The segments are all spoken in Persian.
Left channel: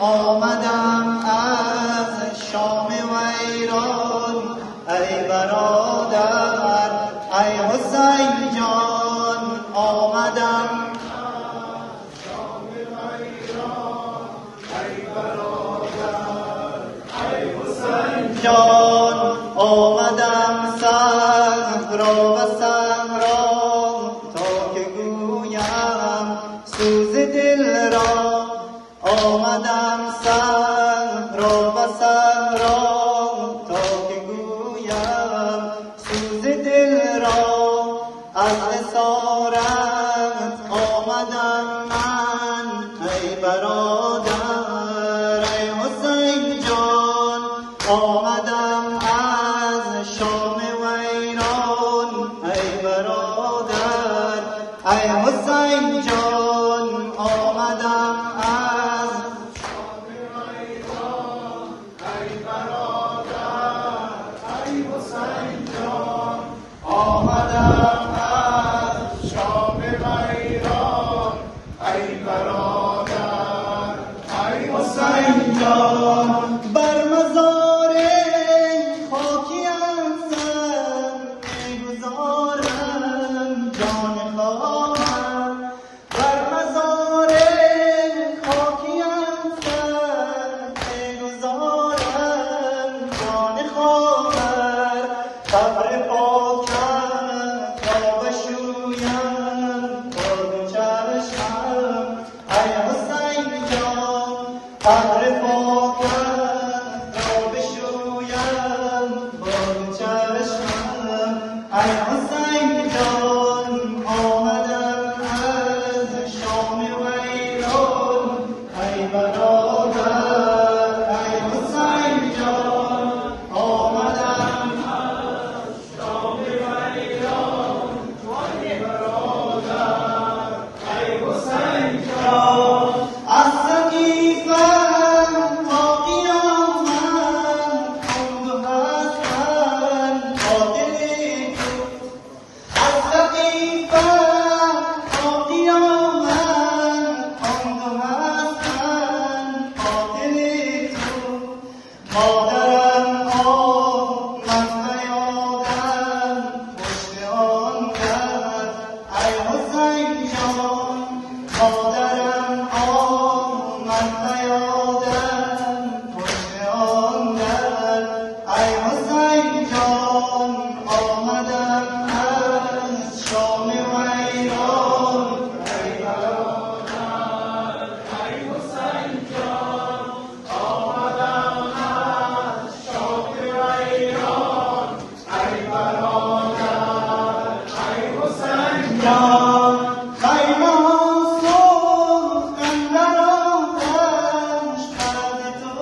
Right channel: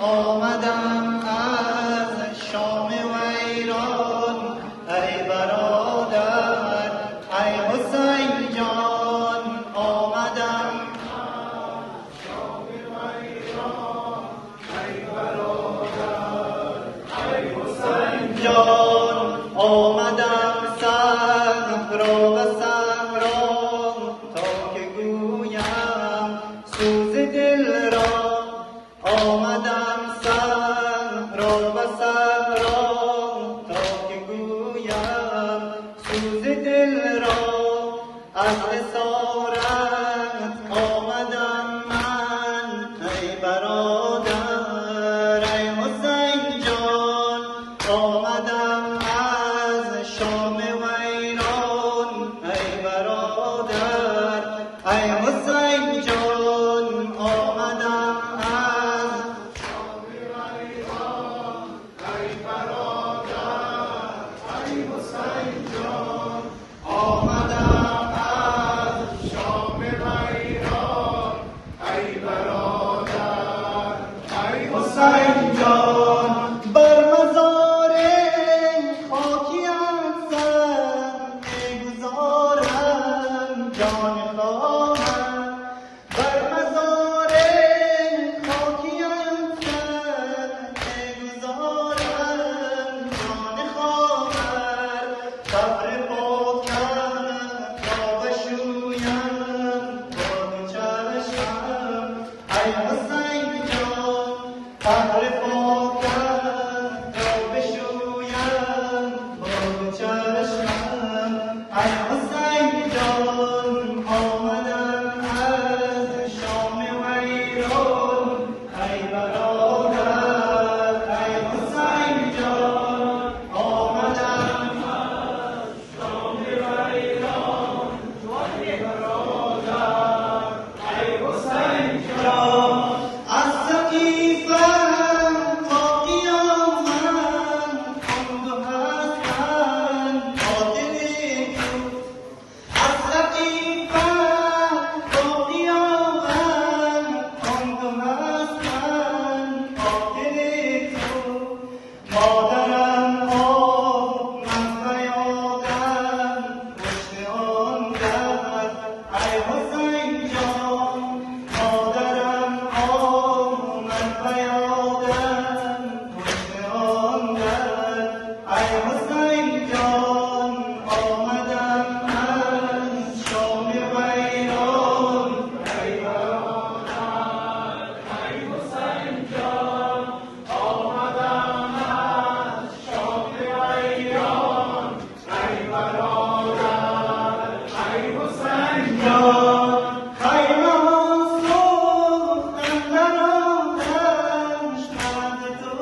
آمدم از شام ویران ای برادر ای حسین جان آمدم شام ویران ای برادر ای حسین جان آمدم صحرا و صحرا تا که گویم سوز دل را آمدم صحرا و صحرا تا که گویم سوز دل را از اسارت آمدم من وی برادر ای حسین جان آمدم از شام ویران ای برادر ای حسین جان آمدم بر مزار خاکیم سر می‌گذارم جان خواهم بر مزار خاکیم سر می‌گذارم جان خواهم قبر پاکم را بشویم با دو چشمم ای حسین جان قبر پاکم را بشویم با دو چشمم ای حسین جان آمدم از شام ویران ای برادر ای حسین جان آمدم از شام ویران ای برادر ای حسین جان از مادرم آن من نیادم پشت آن در ای حسین جان مادرم آن من نیادم پشت آن در ای حسین جان آمدم از شام ویران ای برادر ای حسین جان خیمه ها سوخت اندر آتش بعد تو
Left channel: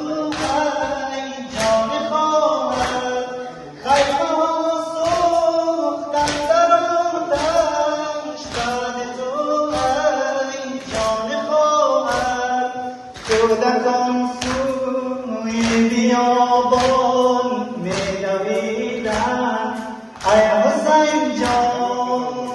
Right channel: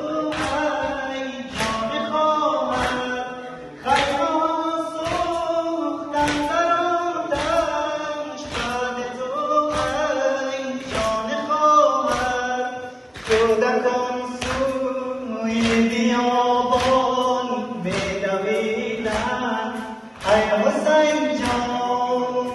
ای جان خواهر خیمه ها سوخت اندر آتش بعد تو ای جان خواهر کودکان سوی بیابان می‌دویدند ای حسین جان